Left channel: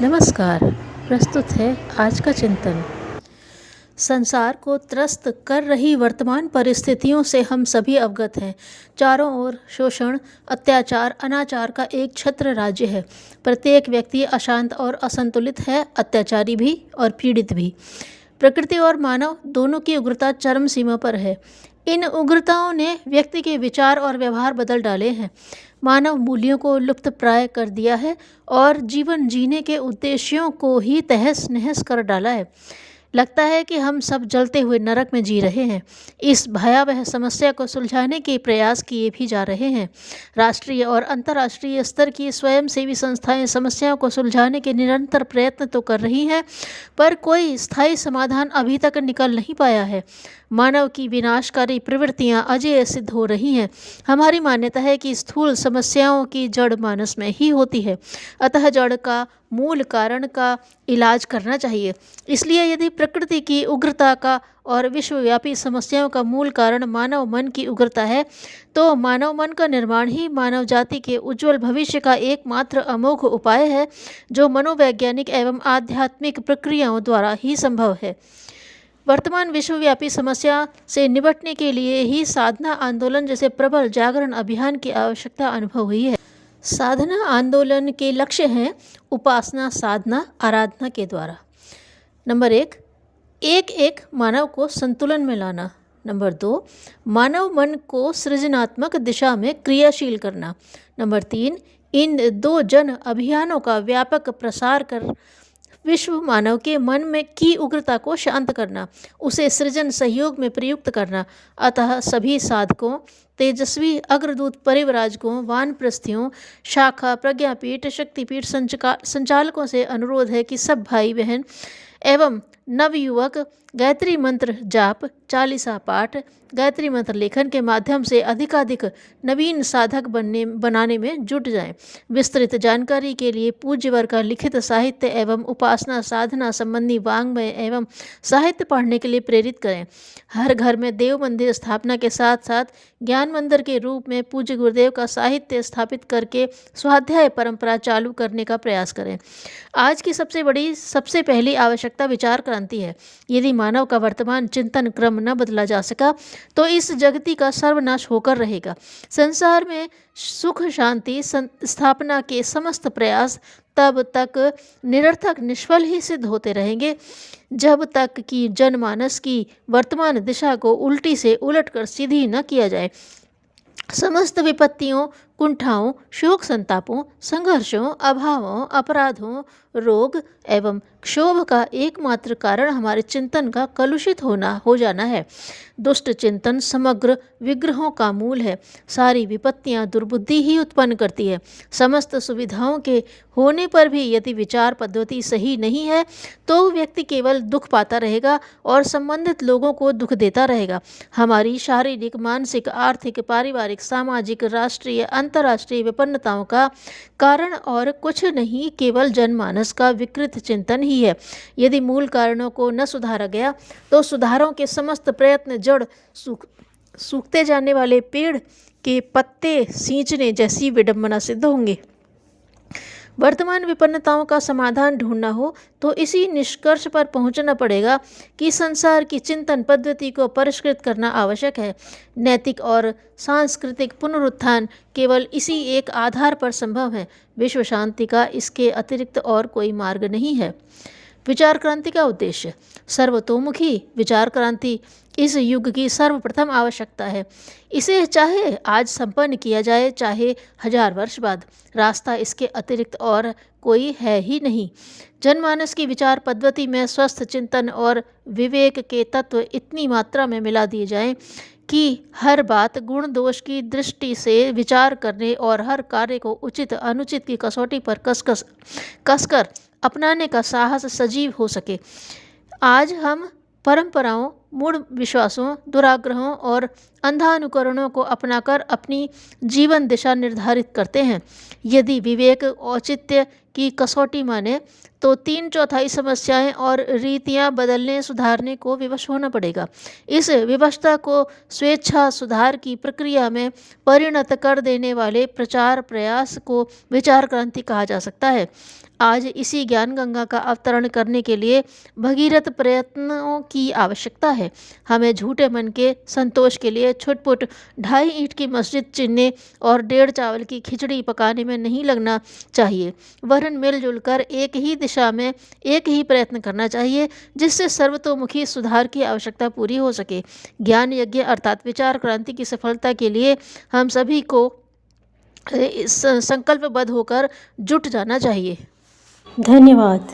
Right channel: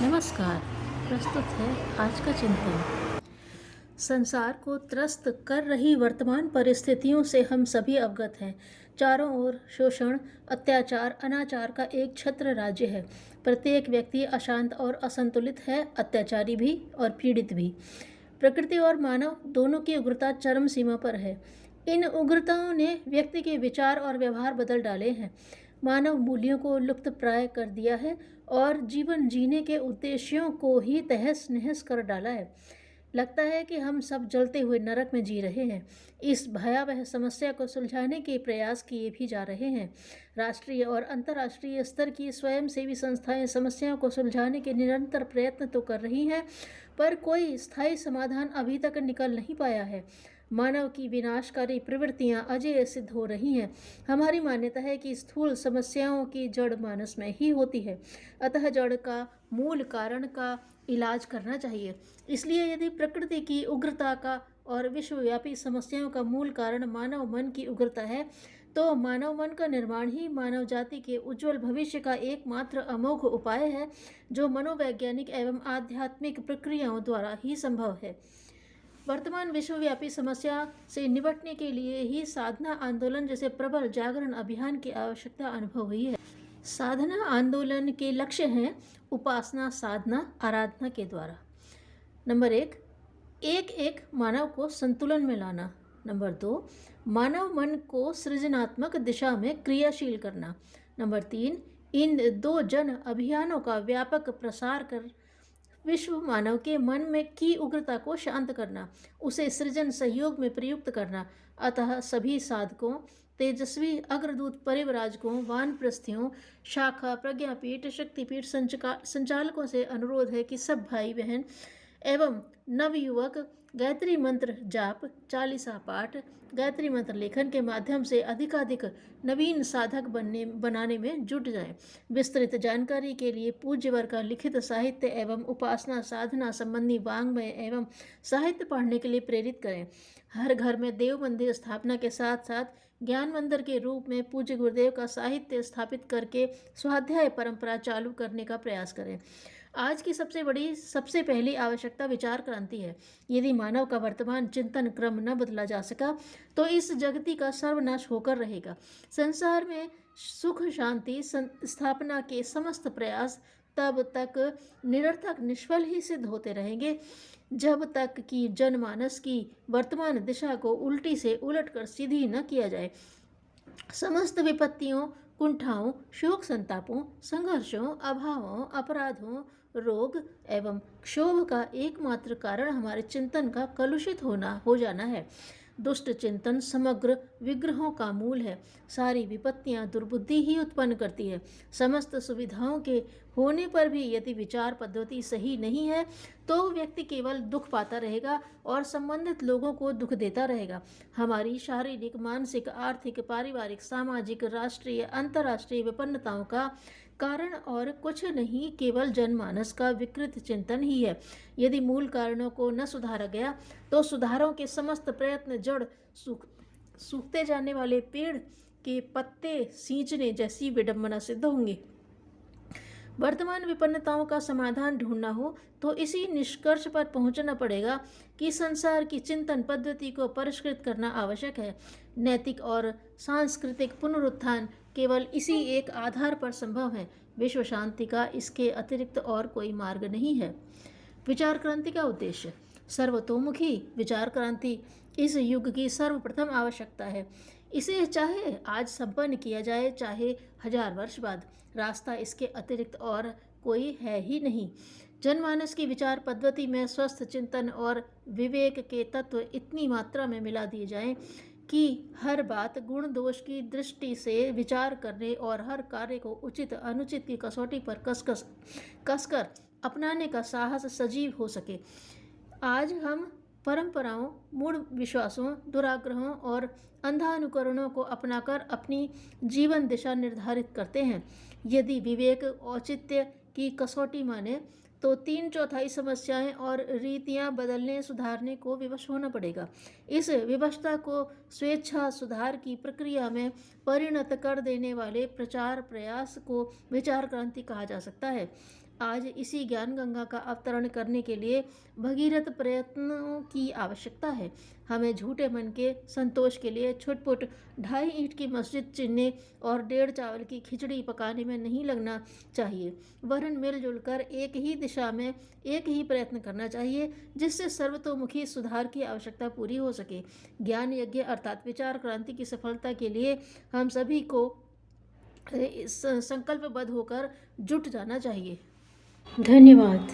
नमस्कार। प्रस्तुत है आज का चिंतन। संसार को त्रस्त कर रही वर्तमान परिस्थितियों से हम सभी अवगत हैं। चारों ओर शोषण, अत्याचार, अनाचार का एक छत्र राज्य है। प्रत्येक व्यक्ति अशांत और असंतुलित है, अत्याचारी भी और पीड़ित भी। प्रकृति और मानव दोनों की उग्रता चरम सीमा पर है। इन उग्रताओं ने व्यक्ति के विचार और व्यवहार बदल डाले हैं, मानव मूल्यों को लुप्त प्राय कर दिया है और जीवन जीने के उद्देश्यों को ही तहस नहस कर डाला है। लगता है कि हम सब जलते हुए नरक में जी रहे हैं। इस भयावह समस्या को सुलझाने के प्रयास किए भी जा रहे हैं। राष्ट्रीय और अंतर्राष्ट्रीय स्तर की स्वयंसेवी संस्थाएं समस्याओं को सुलझाने के निरंतर प्रयत्न तो कर रही हैं, पर कोई स्थायी समाधान अभी तक निकल नहीं पाया है। मानव की विनाशकारी प्रवृत्तियां अजेय सिद्ध हो रही हैं। हमारी मान्यता है कि स्थूल समस्याओं की जड़ मानस में ही होती है, अतः जड़ का मूल कारण का इलाज करना चाहिए। इसलिए यदि प्रकृति की उग्रता का और विश्वव्यापी समस्याओं का मूल कारण मानव मन की उग्रता है, तो मानव मन का निर्माण ही मानव जाति के उज्जवल भविष्य का एकमात्र अमोघ उपाय है, जो मनोवैज्ञानिक एवं आध्यात्मिक प्रक्रियाओं द्वारा ही संभव है। वर्तमान विश्वव्यापी समस्या से निपटने के लिए ही साधना आंदोलन जैसे प्रबल जागरण अभियान की आवश्यकता अनुभव हुई है। साधना आंदोलन के लक्ष्य हैं उपासना, साधना, आराधना के द्वारा। नंबर एक मानव को संतुलन में लाना। नंबर 2, मानव मन को सृजनात्मक दिशा में क्रियाशील करना। नंबर 3, इन 2 जन अभियानों का व्यापक प्रसार कर विश्व मानव के मन में की उग्रता को शांत करना, उसे सृजन सहयोग में प्रयुक्त करना। अतः सभी साधकों, तेजस्वी अग्रदूत परिवराजकों, वानप्रस्थियों, शाखा, प्रज्ञापीठ, शक्तिपीठ संचालकों से अनुरोध है कि सब भाई बहन एवं नवयुवक गायत्री मंत्र जाप, चालीसा पाठ, गायत्री मंत्र लेखन के माध्यम से अधिकाधिक नवीन साधक बनाने में जुट जाएं। विस्तृत जानकारी के लिए पूज्यवर का लिखित साहित्य एवं उपासना साधना संबंधी वाङ्मय एवं साहित्य पढ़ने के लिए प्रेरित करें। हर घर में देव मंदिर स्थापना के साथ साथ ज्ञान मंदिर के रूप में पूज्य गुरुदेव का साहित्य स्थापित करके स्वाध्याय परंपरा चालू करने का प्रयास करें। आज की सबसे पहली आवश्यकता विचार क्रांति है। यदि मानव का वर्तमान चिंतन क्रम न बदला जा सका तो इस जगति का सर्वनाश होकर रहेगा। संसार में सुख शांति स्थापना के समस्त प्रयास तब तक निरर्थक निष्फल ही सिद्ध होते रहेंगे जब तक कि जनमानस की वर्तमान दिशा को उल्टी से उलट कर सीधी न किया जाए। समस्त विपत्तियों, कुंठाओं, शोक संतापों, संघर्षों, अभावों, अपराधों, रोग एवं क्षोभ का एकमात्र कारण हमारे चिंतन का कलुषित हो जाना है। दुष्ट चिंतन समग्र विग्रहों का मूल है। सारी विपत्तियां दुर्बुद्धि ही उत्पन्न करती है। समस्त सुविधाओं के होने पर भी यदि विचार पद्धति सही नहीं है तो व्यक्ति केवल दुख पाता रहेगा और संबंधित लोगों को दुख देता रहेगा। हमारी शारीरिक, मानसिक, आर्थिक, पारिवारिक, सामाजिक, राष्ट्रीय, अंतर्राष्ट्रीय विपन्नताओं का कारण और कुछ नहीं, केवल जनमानस का विकृत चिंतन ही है। यदि मूल कारणों को न सुधारा गया तो सुधारों के समस्त प्रयत्न जड़ सूखते जाने वाले पेड़ के पत्ते सींचने जैसी विडंबना सिद्ध होंगे। वर्तमान विपन्नताओं का समाधान ढूंढना हो तो इसी निष्कर्ष पर पहुंचना पड़ेगा कि संसार की चिंतन पद्धति को परिष्कृत करना आवश्यक है। नैतिक और सांस्कृतिक पुनरुत्थान केवल इसी एक आधार पर संभव है। विश्व शांति का इसके अतिरिक्त और कोई मार्ग नहीं है। विचार क्रांति का उद्देश्य। सर्वतोमुखी विचार क्रांति इस युग की सर्वप्रथम आवश्यकता है। इसे चाहे आज संपन्न किया जाए, चाहे 1000 वर्ष बाद। रास्ता इसके अतिरिक्त और कोई है ही नहीं। जनमानस की विचार पद्धति में स्वस्थ चिंतन और विवेक के तत्व इतनी मात्रा में मिला दिए जाएं कि हर बात गुण दोष की दृष्टि से विचार करने और हर कार्य को उचित अनुचित की कसौटी पर कसकर अपनाने का साहस सजीव हो सके। आज हम परंपराओं, मूढ़ विश्वासों, दुराग्रहों और अंधानुकरणों को अपनाकर अपनी जीवन दिशा निर्धारित करते हैं। यदि विवेक औचित्य की कसौटी माने तो 3/4 समस्याएं और रीतियां बदलने सुधारने को विवश होना पड़ेगा। इस विवशता को स्वेच्छा सुधार की प्रक्रिया में परिणत कर देने वाले प्रचार प्रयास को विचार क्रांति कहा जा सकता है। आज इसी ज्ञान गंगा का अवतरण करने के लिए भगीरथ प्रयत्नों की आवश्यकता है। हमें झूठे मन के संतोष के लिए छुटपुट 2.5 ईंट की मस्जिद चिनने और 1.5 चावल की खिचड़ी पकाने में नहीं लगना चाहिए, वरन मिलजुल कर एक ही दिशा में एक ही प्रयत्न करना चाहिए, जिससे सर्वतोमुखी सुधार की आवश्यकता पूरी हो सके। ज्ञान यज्ञ अर्थात विचार क्रांति की सफलता के लिए हम सभी को संकल्पबद्ध होकर जुट जाना चाहिए। धन्यवाद।